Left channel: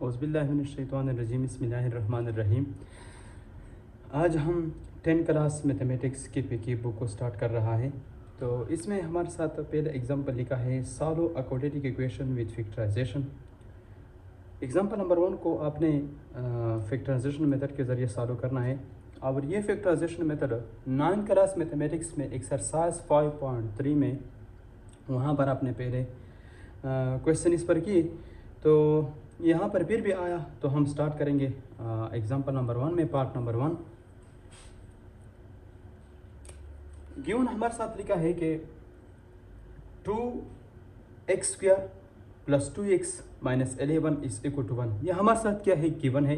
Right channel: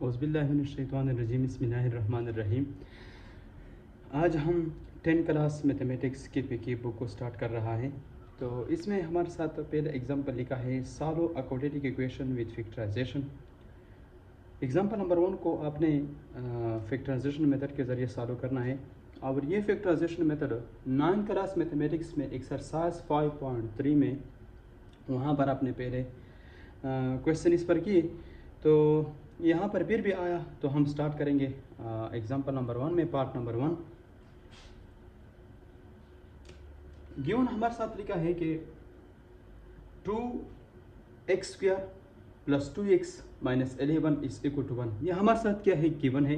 औज़ुबिल्लाहिमिनश्शैतानिर्रजीम बिस्मिल्लाहिर्रहमानिर्रहीम। आज हम 10 क्लास मैथमेटिक्स की बुक को स्टार्ट कर रहा है। तो इसमें हमारे साथ पहले एग्जांपल लिखा है solve a quadratic equation with factorization. Example number 1 को आपने फैक्टराइजेशन मेथड के ज़रिए सॉल्व करना है। और ये फैक्टराइजेशन मेथड 9 क्लास मैथमेटिक्स में एक्सरसाइज 5.3 में वहाँ पर आपने पहले क्वेश्चन इस पर किए, तो यहाँ पर फिर भी आया। तो हम स्टार्ट करेंगे एग्जांपल नंबर 1 में। पार्ट नंबर 1 गिवन हमारे साथ लिखा है कि 2x² + 2x - 11 = 1। यह हमारे साथ क्या है, गिवन है।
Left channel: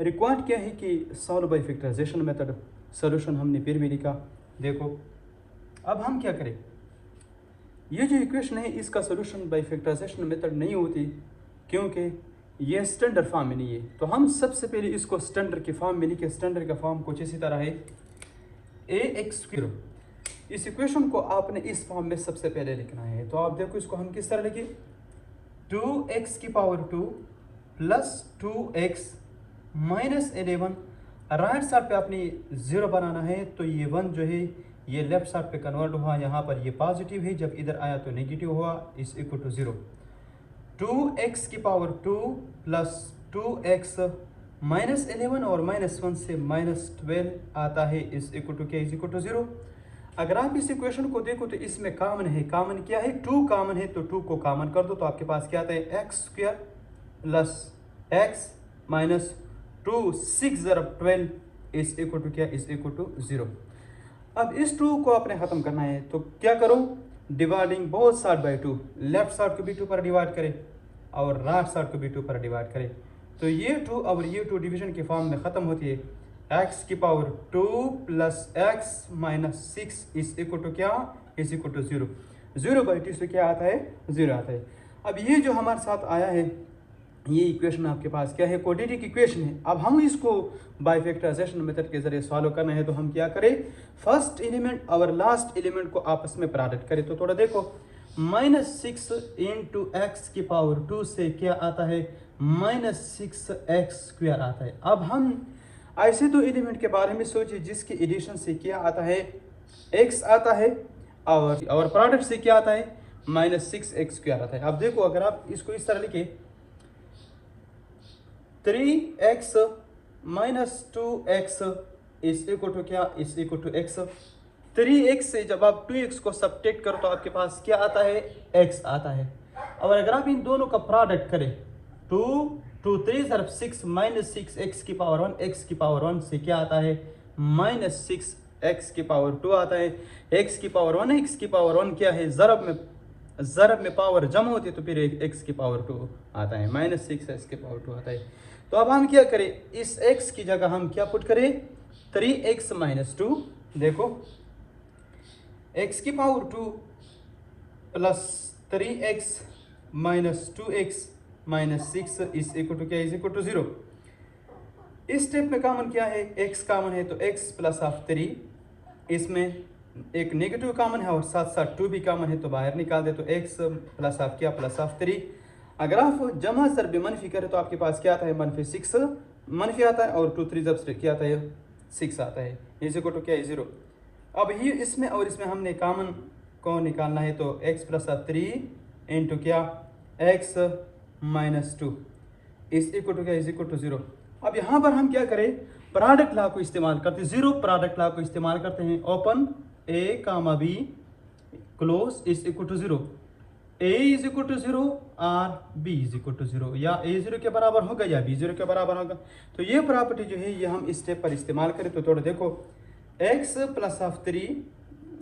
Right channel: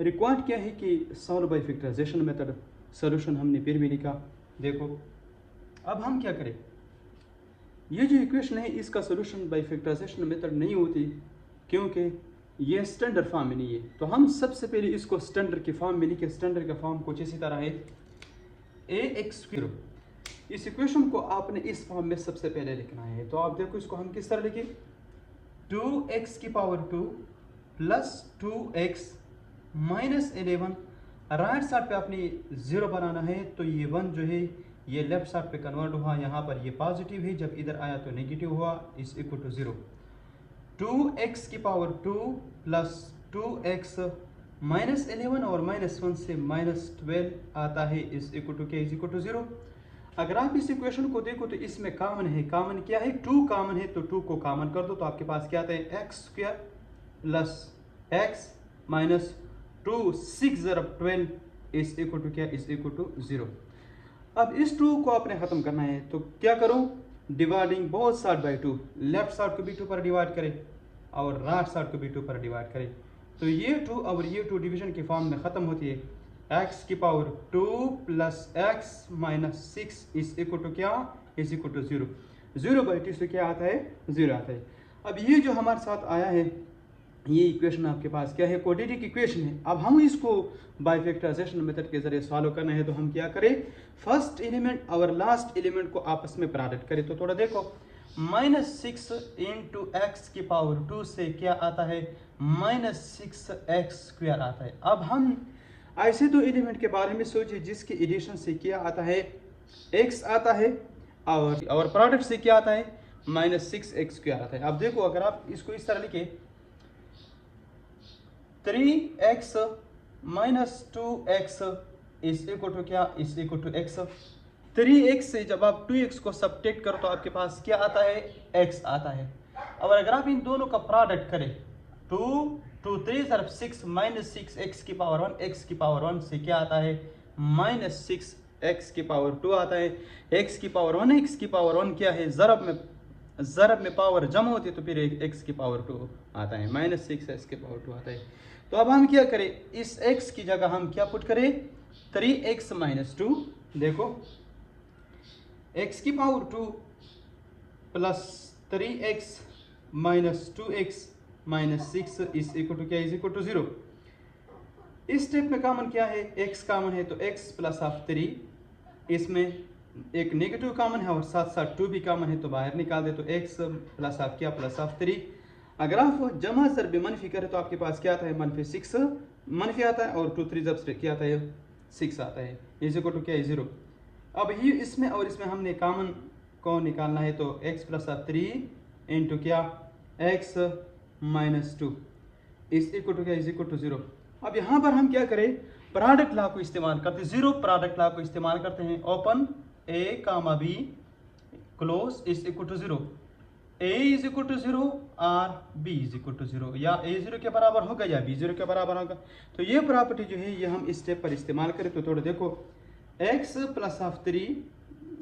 रिक्वायर्ड क्या है कि solve by factorization method. Solution हमने फिर भी लिखा। देखो अब हम क्या करें, ये जो इक्वेशन है इसका सॉल्यूशन बाय फैक्टराइजेशन मेथड नहीं होती क्योंकि ये स्टैंडर्ड फॉर्म में नहीं है। तो हम सबसे पहले इसको स्टैंडर्ड की फॉर्म में लिखे। स्टैंडर्ड का फॉर्म कुछ इसी तरह है ax²। इस इक्वेशन को आपने इस फॉर्म में सबसे पहले लिखना है। तो आप देखो इसको हम किस तरह लिखें, 2x² + 2x - 11। राइट साइड पे आपने 0 बनाना है। तो ये 1 जो है ये लेफ्ट साइड पे कन्वर्ट हुआ, यहाँ पर ये पॉजिटिव है, जब इधर आया तो नेगेटिव हुआ, = 0। 2x² + 2x - 11 और -1 से -12 आता है, = 0। अगर आप इस इक्वेशन को देखो तो इसमें कॉमन है। कॉमन क्या है, 2 कॉमन है, तो 2 को कॉमन कर दो तो आपके पास क्या आता है, x² + x - 2 6 × 12 = 0। अब इस 2 को आपने खत्म करना है, तो क्या करो, dividing both side by 2। Left side को भी 2 पर डिवाइड करें और राइट साइड को भी 2 पर डिवाइड करें। तो ये 2 और ये 2 डिवीजन के फॉर्म में खत्म होती है। x² + x - 6 = क्या, = 0। 0/2 से क्या आता है, 0 आता है। अब ये जो हमारे साथ आया है, ये इक्वेशन आपके पास क्या है, क्वाड्रेटिक इक्वेशन है। अब हम इसको बाय फैक्टराइजेशन मेथड के जरिए सॉल्व करना है। तो हम क्या करें, फर्स्ट एलिमेंट और लास्ट एलिमेंट को आपस में प्रोडक्ट करें। तो थोड़ा देखो, -6 × x² से क्या आता है, -6x² आता है। अब हम ऐसे दो एलिमेंट के बारे में सोचिए जिसकी एडिशन से क्या आता है, x आता है, और प्रोडक्ट से क्या आता है, -6x² आता है। अब देखो अगर आप इसको इस तरह लिखे, 3x - 2x = क्या, = x। 3x से जब आप 2x को सब्ट्रैक्ट करो तो आपके पास क्या आता है, x आता है। और अगर आप इन दोनों का प्रोडक्ट करें, 2 2 3 × 6 - 6x⁴1 x⁴1 से क्या आता है, -6x⁴2 आता है। x⁴1 x⁴1 क्या है, ज़रब में पावर जमा होती है, तो फिर x⁴2 आता है, -6x⁴2 आता है। तो अब हम क्या करें, इस x की जगह हम क्या पुट करें, 3x - 2। देखो x⁴2 + 3x - 2x - 6 = 0। इस स्टेप में कॉमन क्या है, x कॉमन है, तो x + 3। इसमें एक नेगेटिव कॉमन है और साथ साथ 2 भी कॉमन है, तो बाहर निकाल दे, तो x + क्या, +3। अगर आप जमा ज़रब मनफी करें तो आपके पास क्या आता है, -6 मनफी आता है, और 2 3 ज़रब से क्या आता है, 6 आता है, = क्या, 0। अब ये इसमें और इसमें हमने कॉमन को निकालना है, तो x + 3 × क्या, x - 2 = क्या, = 0। अब यहाँ पर हम क्या करें, प्रोडक्ट लॉ को इस्तेमाल करते हैं, 0 प्रोडक्ट लॉ को इस्तेमाल करते हैं। Open a, b close = 0। a = 0 और b = 0, या a 0 के बराबर होगा या b 0 के बराबर होगा। तो ये प्रॉपर्टी जो है ये हम इस स्टेप पर इस्तेमाल करें। तो थोड़ा देखो, x + 3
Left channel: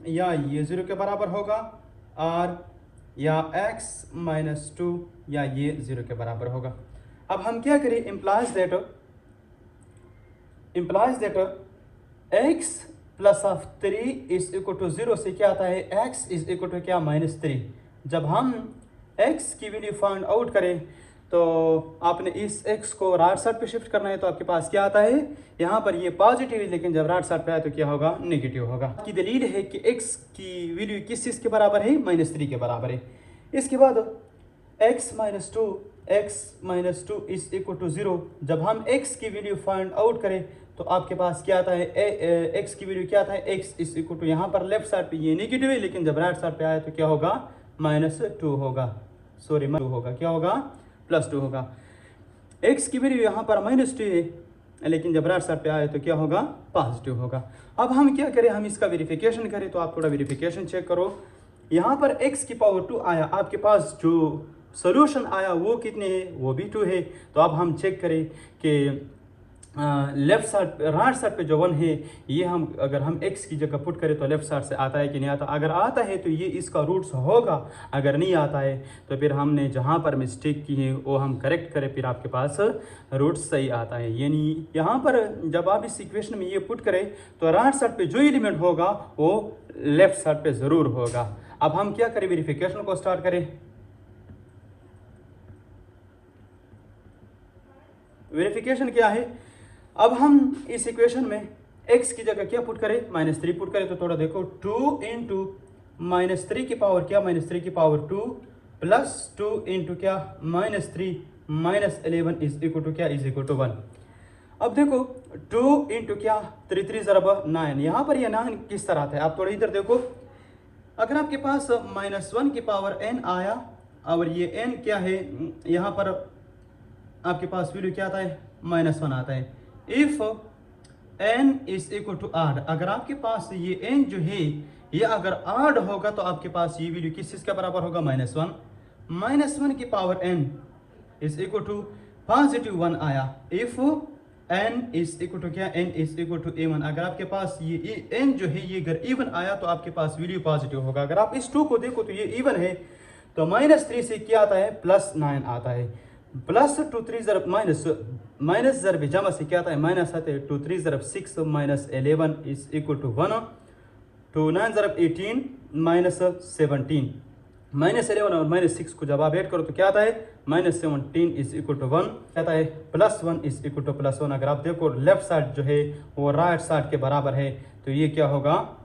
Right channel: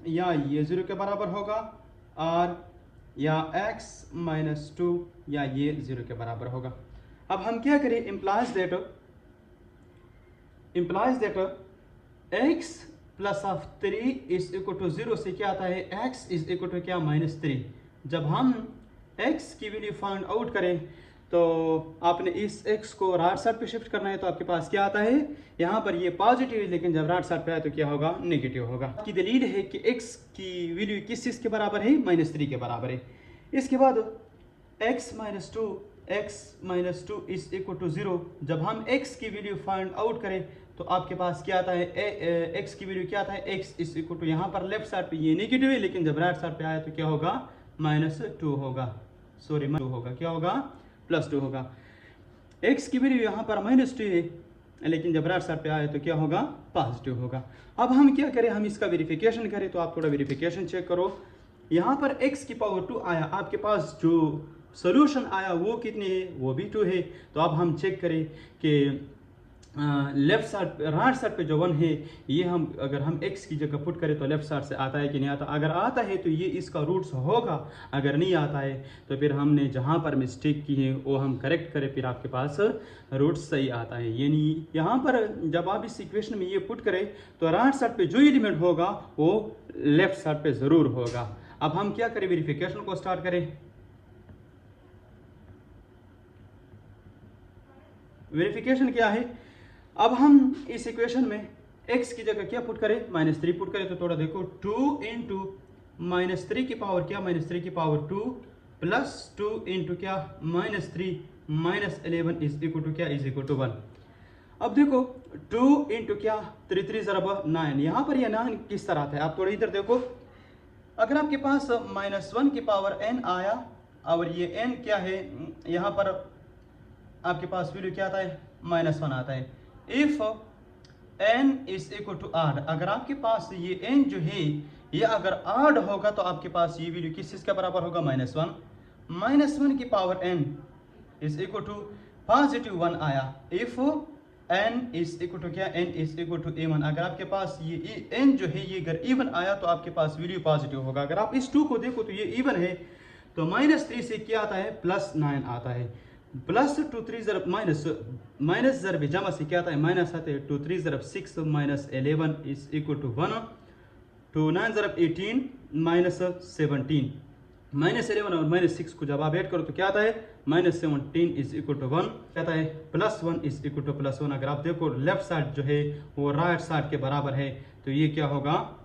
या ये 0 के बराबर होगा, और या x - 2 या ये 0 के बराबर होगा। अब हम क्या करें, implies that x + 3 = 0 से क्या आता है, x = क्या, -3। जब हम x की वैल्यू फाइंड आउट करें तो आपने इस x को राइट साइड पे शिफ्ट करना है, तो आपके पास क्या आता है, यहाँ पर ये पॉजिटिव है, लेकिन जब राइट साइड पे आए तो क्या होगा, नेगेटिव होगा। की दलील है कि x की वैल्यू किस चीज़ के बराबर है, -3 के बराबर है। इसके बाद x - 2 x minus 2 is equal to 0, जब हम x की वैल्यू फाइंड आउट करें तो आपके पास क्या आता है, x की वैल्यू क्या आता है, x इज इक्वल टू, यहाँ पर लेफ्ट साइड पे ये नेगेटिव है, लेकिन जब राइट साइड पे आए तो क्या होगा, -2 होगा, सॉरी 2 होगा, क्या होगा, +2 होगा। x की वैल्यू यहाँ पर -2 है, लेकिन जब राइट साइड पे आए तो क्या होगा, पॉजिटिव होगा। अब हम क्या करें, हम इसका वेरिफिकेशन करें, तो आप थोड़ा वेरिफिकेशन चेक करो। यहाँ पर x की पावर 2 आया, आपके पास जो सोल्यूशन आया वो कितने है, वो भी 2 है। तो अब हम चेक करें कि लेफ्ट साइड राइट साइड पे जो 1 है, ये हम अगर हम x की जगह पुट करें तो लेफ्ट साइड से आता है कि नहीं आता। अगर आता है तो ये इसका रूट्स होगा, अगर नहीं आता है तो फिर हमने जहाँ पर मिस्टेक की है वो हम करेक्ट करें, फिर आपके पास रूट्स सही आता है। यानी यहाँ पर जब आप इस इक्वेशन में ये पुट करें तो राइट साइड पे जो एलिमेंट होगा वो लेफ्ट साइड पे ज़रूर होगा। अब हम क्या करें, वेरिफिकेशन को स्टार्ट करें। वेरिफिकेशन क्या है, अब हम इस इक्वेशन में x की जगह क्या पुट करें, -3 पुट करें। तो थोड़ा देखो, 2 इंटू -3 की पावर क्या, -3 की पावर 2 प्लस 2 इंटू क्या, -3 -11 इज इक्वल टू क्या, इज इक्वल टू 1। अब देखो 2 इंटू क्या, 3 3 ज़रब 9, यहाँ पर ये 9 किस तरह आता है, आप थोड़ा इधर देखो। अगर आपके पास -1 की पावर n आया और ये n क्या है, यहाँ पर आपके पास वैल्यू क्या आता है, -1 आता है। If n is equal to odd, अगर आपके पास ये n जो है ये अगर आड होगा तो आपके पास ये वैल्यू किस चीज के बराबर होगा, -1। -1 की power n is equal to positive 1 आया। If n is equal to क्या, n is equal to a1, अगर आपके पास ये n जो है ये अगर इवन आया तो आपके पास वैल्यू पॉजिटिव होगा। अगर आप इस 2 को देखो तो ये इवन है, तो -3 से क्या आता है, +9 आता है। प्लस 2 3 ज़रब माइनस ज़रब जमा से क्या आता है, माइनस आता है। 2 3 ज़रब 6 -11 इज इक्वल टू 1। 2 9 ज़रब 18 -17, -11 और -6 को जब आप ऐड करो तो क्या आता है, -17 इज इक्वल टू 1, क्या आता है, +1 इज इक्वल टू +1। अगर आप देखो लेफ्ट साइड जो है वो राइट साइड के बराबर है, तो ये क्या होगा,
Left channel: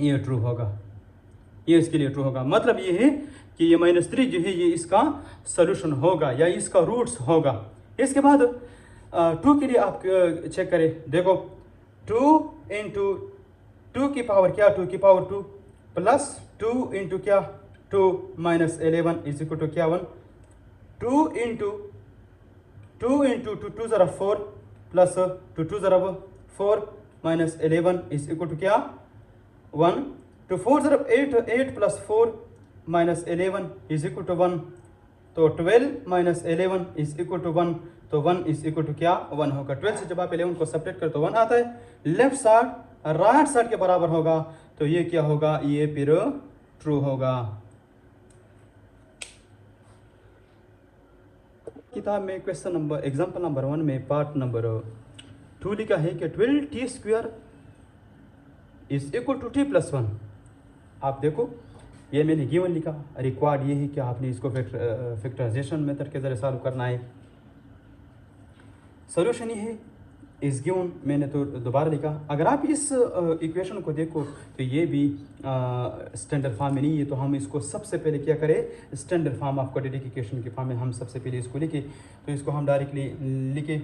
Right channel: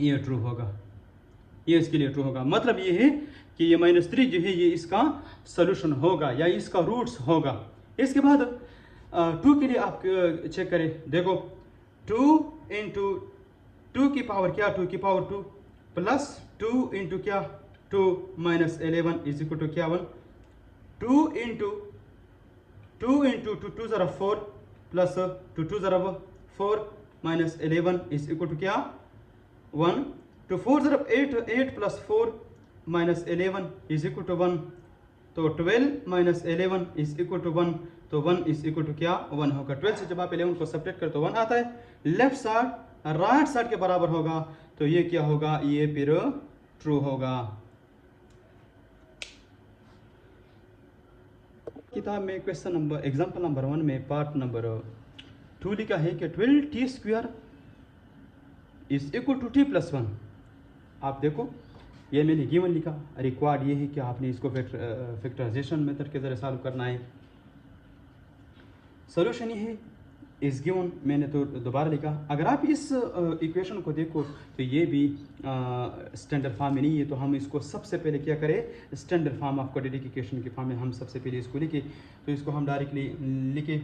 ये ट्रू होगा, ये इसके लिए ट्रू होगा। मतलब ये है कि ये -3 जो है ये इसका सोल्यूशन होगा या इसका रूट्स होगा। इसके बाद 2 के लिए आप चेक करें, देखो 2 इंटू 2 की पावर क्या, 2 की पावर 2 प्लस 2 इंटू क्या, 2 -11 इज इक्वल टू क्या, 1। 2 इंटू 2 2 ज़रब 4 प्लस 2 2 ज़रब 4 -11 इज इक्वल टू क्या, 1। तो 4 ज़रब 8 प्लस 4 -11 इज इक्वल टू 1, तो 12 -11 इज इक्वल टू 1, तो 1 इज इक्वल टू क्या, 1 होगा। 12 से जब आप 11 को सब्ट्रैक्ट करते तो 1 आता है। लेफ्ट साइड राइट साइड के बराबर होगा, तो ये क्या होगा, ये फिर ट्रू होगा। किताब में क्वेश्चन नंबर एग्जांपल नंबर 1 में पार्ट नंबर 2 लिखा है कि 12t² is equal to t+1। आप देखो ये मैंने गिवन लिखा, रिक्वायर्ड ये है कि आपने इसको फैक्टराइजेशन मेथड के जरिए सॉल्व करना है। सोल्यूशन ये है इस गिवन, मैंने तो दोबारा लिखा। अगर आप इस इक्वेशन को देखो तो ये भी स्टैंडर्ड फॉर्म में नहीं है, तो हम इसको सबसे पहले क्या करें, standard form of quadratic equation के फॉर्म में हम सबसे पहले इसको लिखे। तो इसको हम डायरेक्टली लिखे,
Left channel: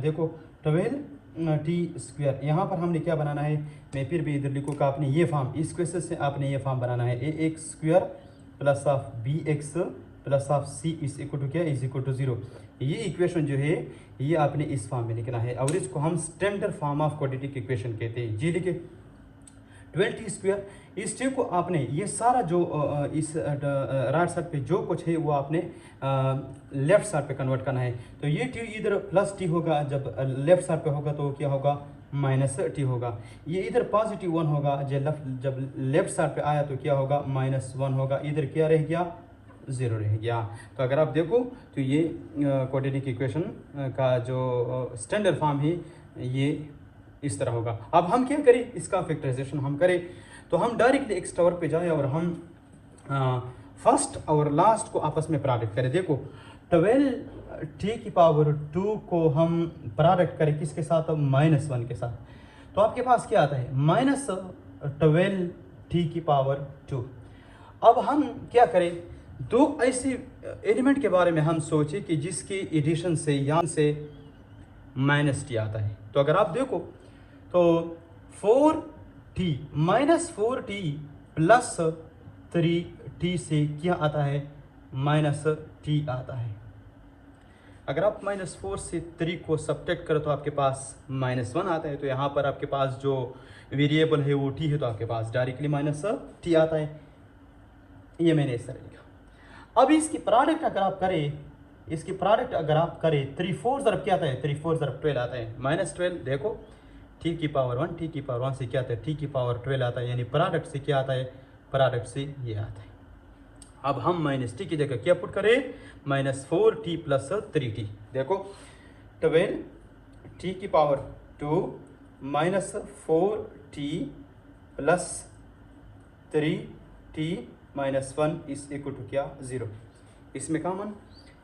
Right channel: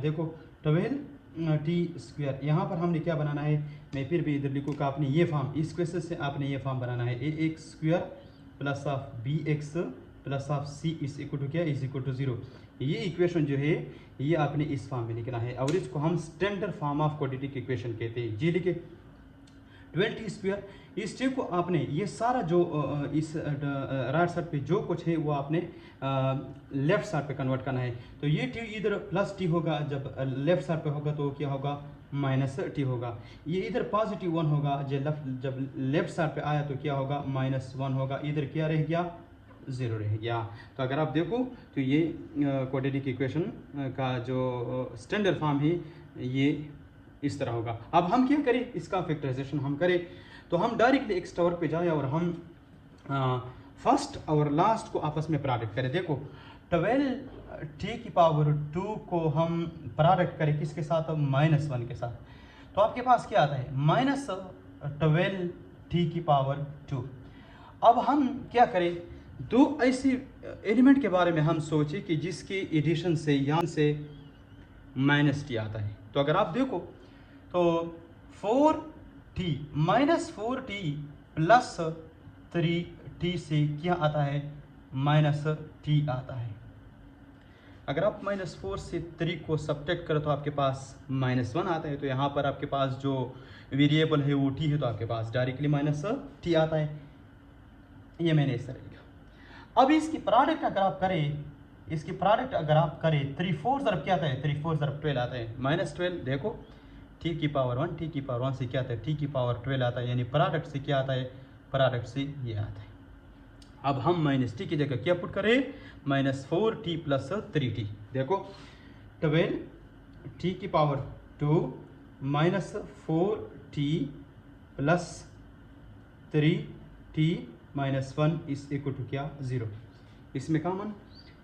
देखो 12t², यहाँ पर हमने क्या बनाना है, मैं फिर भी इधर लिखूँ कि आपने ये फॉर्म, इस क्वेश्चन से आपने ये फॉर्म बनाना है, ax² plus of bx plus of c is equal to क्या, इज इक्वल टू 0। ये इक्वेशन जो है ये आपने इस फॉर्म में लिखना है, और इसको हम standard form of quadratic equation कहते हैं। जी लिखे 12t², इस चीज को आपने ये सारा जो इस राइट साइड पे जो कुछ है वो आपने लेफ्ट साइड पे कन्वर्ट करना है। तो ये टी इधर प्लस टी होगा, जब लेफ्ट साइड पे होगा तो क्या होगा, -t होगा। ये इधर पॉजिटिव 1 होगा, जब लेफ्ट साइड पे आया तो क्या होगा, -1 होगा। इधर क्या रह गया, 0 रह गया। तो अगर आप देखो तो ये क्वाड्रेटिक इक्वेशन का जो स्टैंडर्ड फॉर्म है ये इस तरह होगा। अब हम क्या करें, इसका फैक्टराइजेशन हम करें, तो हम डायरेक्टली एक्स टावर पे जाएं और हम फर्स्ट और लास्ट को आपस में प्रोडक्ट करें। देखो 12t² को हम प्रोडक्ट करें किसके साथ, -1 के साथ, तो आपके पास क्या आता है, -12t²। अब हम क्या करें, दो ऐसी एलिमेंट के बारे में हम सोचे कि जिसकी एडिशन से या से माइनस टी आता है, तो अगर आप देखो तो 4t minus 4t plus 3t से क्या आता है, माइनस टी आता है। अगर आप -4 से 3 को सब्ट्रैक्ट करो तो आपके पास -1 आता है। तो यहाँ पर आपके पास जो वेरिएबल है वो t है, तो आपके पास डायरेक्टली -t आता है। ये मैंने इस तरह लिखा। अब इसकी प्रोडक्ट अगर आप करें, इसकी प्रोडक्ट अगर आप करें 3 4 ज़रब क्या आता है, 3 4 ज़रब 12 आता है, -12। देखो t की पावर 1, t की पावर 1 से क्या आता है, t की पावर 12 आता है, यानी प्रोडक्ट से क्या आता है, प्रोडक्ट से ये आता है। अब हम -t की जगह क्या पुट करें, -4t प्लस 3t। देखो 12t की पावर 2 -4t प्लस 3t -1 इस इक्वल टू क्या, 0। इसमें कॉमन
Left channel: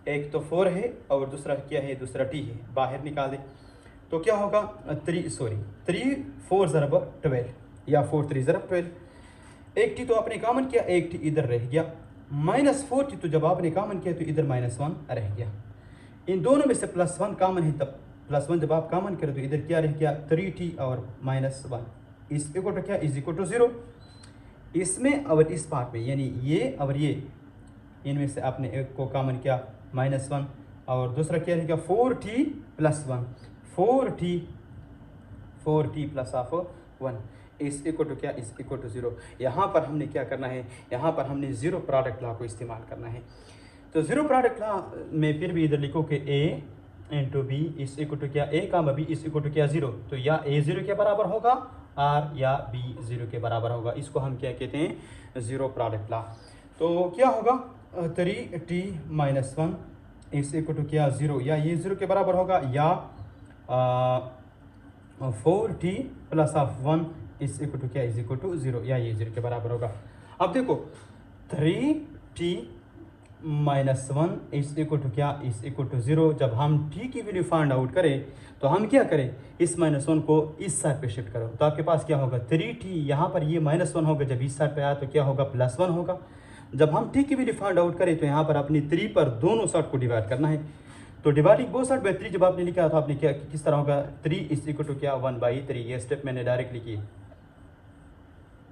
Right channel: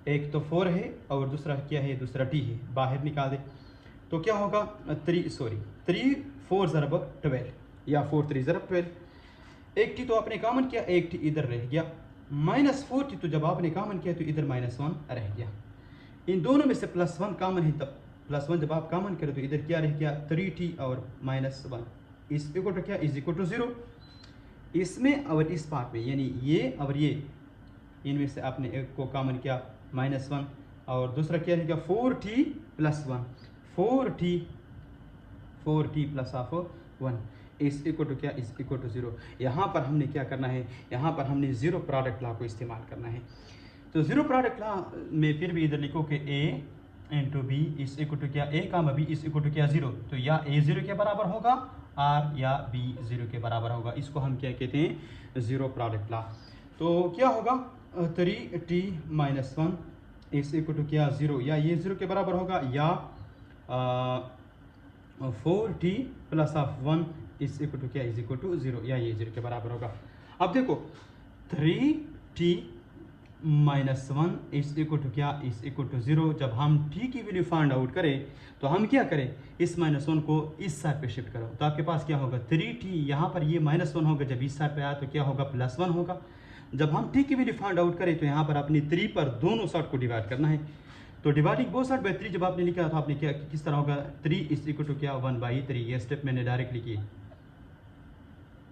एक तो 4 है और दूसरा क्या है, दूसरा t है, बाहर निकालें तो क्या होगा, 3 4 ज़रब 12 या 4 3 ज़रब 12। एक t तो आपने कॉमन किया, एक t इधर रह गया, -4t तो जब आपने कॉमन किया तो इधर -1 रह गया। इन दोनों में से +1 कॉमन है, तब +1 जब आप कॉमन करें तो इधर क्या रह गया, 3t और -1 इस इक्वल टू क्या, इज इक्वल टू 0। इसमें और इस पार्ट में, यानी ये और ये, इनमें से आपने एक को कॉमन किया -1 और दूसरा क्या रहेगा 4t plus 1, 4t plus of 1 इस इक्वल टू क्या, इस इक्वल टू 0। यहाँ पर हमने क्या करना है, यहाँ पर हमने जीरो प्रोडक्ट लॉ को इस्तेमाल करना है। तो जीरो प्रोडक्ट लॉ में फिर भी इधर लिखो कि a इंटू बी इस इक्वल टू क्या, a का b इस इक्वल टू क्या, 0। तो या a 0 के बराबर होगा और या b 0 के बराबर होगा। इसको हम क्या कहते हैं, जीरो प्रोडक्ट लॉ। तो क्या होगा, 3t - 1 इस इक्वल टू क्या, 0, या ये 0 के बराबर होगा, या 4t प्लस ऑफ 1 इस इक्वल टू क्या, इज इक्वल टू 0, या ये 0 के बराबर होगा। अब देखो 3t - 1 इस इक्वल टू क्या, इस इक्वल टू 0। जब हम t की वैल्यू फाइंड आउट करें तो हम क्या करें, इस -1 को इस साइड पे शिफ्ट करो तो आपके पास क्या होगा, 3t, यहाँ पर ये -1 होगा, जब इस साइड पे आया तो क्या होगा, +1 होगा। जब हम t की वैल्यू फाइंड आउट करें तो यहाँ पर अपनी 3 पर दोनों साइड को डिवाइड करना है। तो डिवाइडिंग बोथ साइड बाई 3 जब आपने लिखा तो आपने क्या, किस तरह होगा, 3 इस इक्वल टू क्या, 1/3। ये स्टेप मैंने डायरेक्टली की।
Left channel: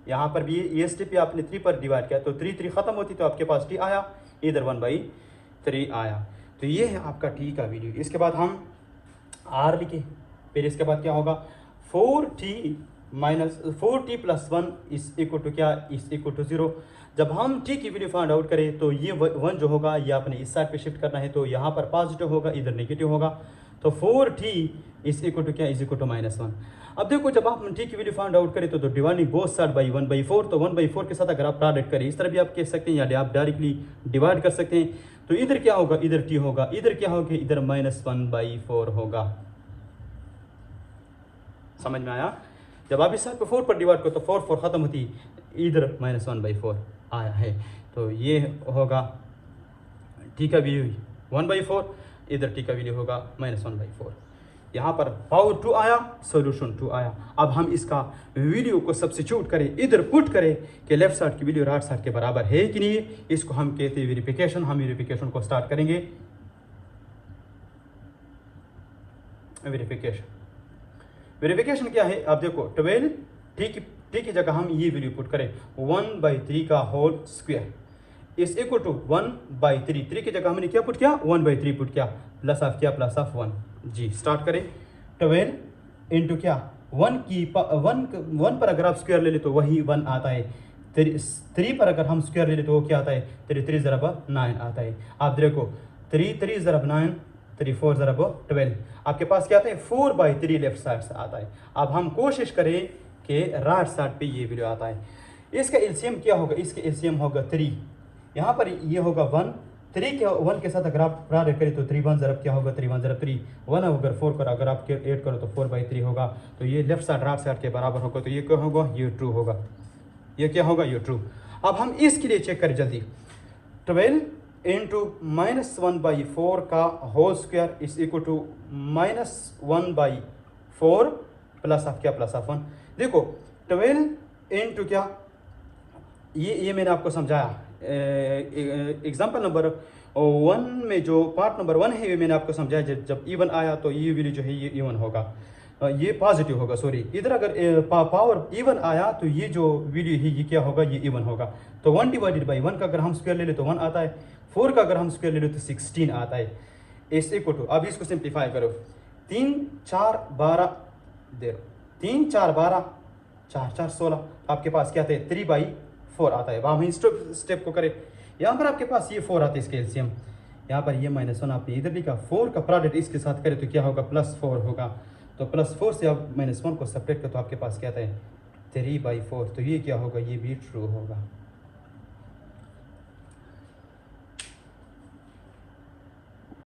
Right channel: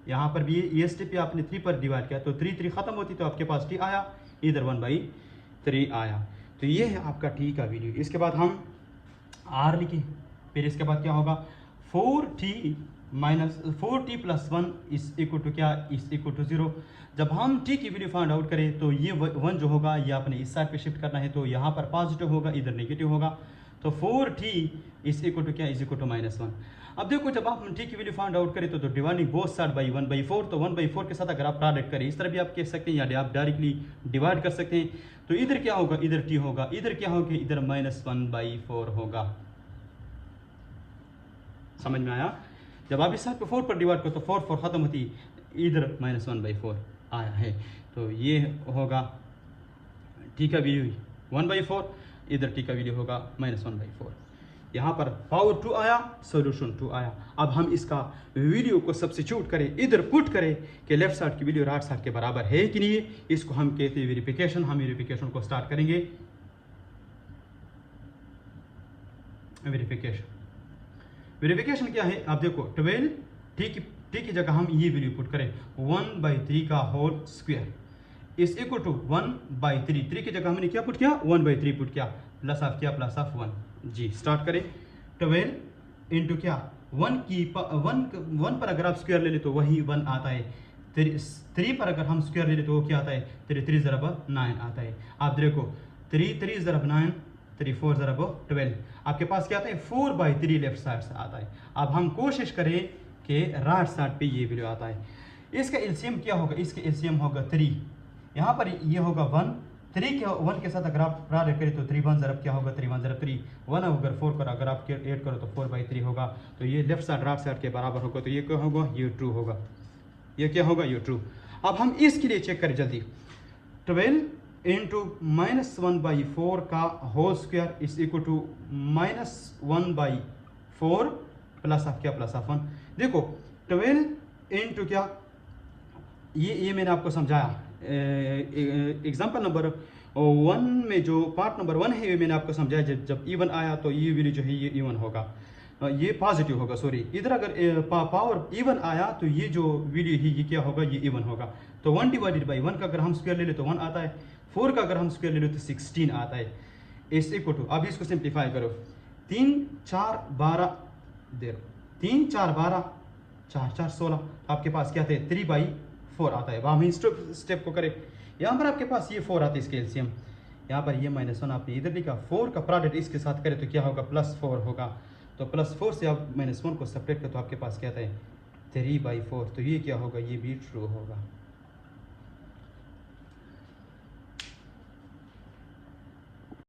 यहाँ पर भी ये स्टेप भी आपने 3 पर डिवाइड किया तो 3 3 खत्म होती तो आपके पास t आया, इधर 1/3 आया। तो ये है आपका t का वैल्यू। इसके बाद हम r लिखे, फिर इसके बाद क्या होगा, 4t प्लस 1 इस इक्वल टू क्या, इस इक्वल टू 0। जब हम t की वैल्यू फाइंड आउट करें तो ये 1 जो होगा ये आपने इस साइड पे शिफ्ट करना है, तो यहाँ पर पॉजिटिव होगा, इधर नेगेटिव होगा। तो 4t इस इक्वल टू क्या, इज इक्वल टू -1। अब देखो जब आप t की वैल्यू फाइंड आउट करें तो डिवाइडिंग बोथ साइड बाई 1/4, तो 1/4 के साथ अगर आप प्रोडक्ट करें, इस तरह भी आप कह सकते हैं या आप डायरेक्टली डिवाइड कर सकते हैं। तो इधर क्या होगा, इधर t होगा, इधर क्या होगा, इधर -1/4 होगा। समझ में आया? जब आप इस साइड पे 4 पर डिवाइड करो तो 4 4 खत्म होती, इधर -1/4 आया है। तो ये होगा t का वैल्यू 1/4, इधर t का वैल्यू होगा -1/4। यहाँ पर पावर 2 आया, सॉल्यूशन 2 आया। अब हम इसका वैल्यू को सब्स्टिट्यूट करें, इधर पुट करें कि लेफ्ट साइड की वैल्यू राइट साइड के बराबर है कि नहीं। इसको हम कहते हैं वेरिफिकेशन। हम वेरिफिकेशन को स्टार्ट करेंगे। वेरिफिकेशन क्या है, आप देखो 12 t की जगह हम ये वैल्यू पुट करें 1/3 का होल स्क्वायर इस इक्वल टू 1/3। 3 की जगह हमने क्या पुट किया, 1/3 पुट किया, प्लस ऑफ क्या, प्लस ऑफ 1। जी स्टार्ट करें। 12 इंटू क्या, 1 पर अगर आप स्क्वायर ले ले तो वही 1 आता है। 3 पर अगर हम स्क्वायर ले ले तो वो क्या आता है, 3 3 ज़रब 9 आता है। आप देखो 3 3 ज़रब 9, 3 4 ज़रब 12, आपके पास क्या आता है, 4/3 लेफ्ट साइड से आता है। अब हम कोशिश करें कि राइट साइड पे ये वैल्यू आता है। इसका एलसीएम क्या होगा, इसका एलसीएम होगा 3, यहाँ पर ये होगा 1, 3 के 1 के साथ अगर आप प्रोडक्ट करें तो 3 1 ज़रब क्या होगा, 3 1 ज़रब 3, 1 अगर 4 कर अगर आप ऐड करो तो 4/3 होगा। तो ये लेफ्ट साइड राइट साइड के बराबर होगा, तो ये क्या होगा, ये ट्रू होगा। ये क्या होगा, ये ट्रू। अब हम इसके लिए चेक करें जल्दी। 12 इंटू -1/4 का होल स्क्वायर इस इक्वल टू -1/4 प्लस ऑफ क्या, प्लस ऑफ 1। देखो 12 इंटू क्या, ये मैंने आपको समझाया। एग्जाम्पल नंबर और 1 में जो पार्ट नंबर 1 है ये मैंने आपको समझाया, जब इवन आया तो ये वैल्यू जो है ये इवन होगा, ये पॉजिटिव होगा, सॉरी। इधर अगर पावर इवन आया तो ये जो वैल्यू है ये क्या होगा, ये इवन होगा। तो 1 डिवाइडेड बाई 1 का अगर हम स्क्वायर ले ले तो 1 आता है, 4 का अगर हम स्क्वायर ले ले तो 16 आता है। इस इक्वल टू, अब इसको सिंप्लीफाई करो, 3 4 12 दे दो, 3 4 12 4 4 16, आपके पास क्या आता है 3/4 आता है। अब हम इस स्टेप को करें, यहाँ पर आपके पास ये 4 आता है इसके एलसीएम, यहाँ पर ये -1 आपने इधर लिखा, 4 का प्रोडक्ट इसके साथ करें तो क्या होगा, +4 होगा। तो +4 से आप -1 को सेपरेट करें तो आपके पास क्या आता है 3/4, तो ये क्या होगा, ये भी ट्रू होगा।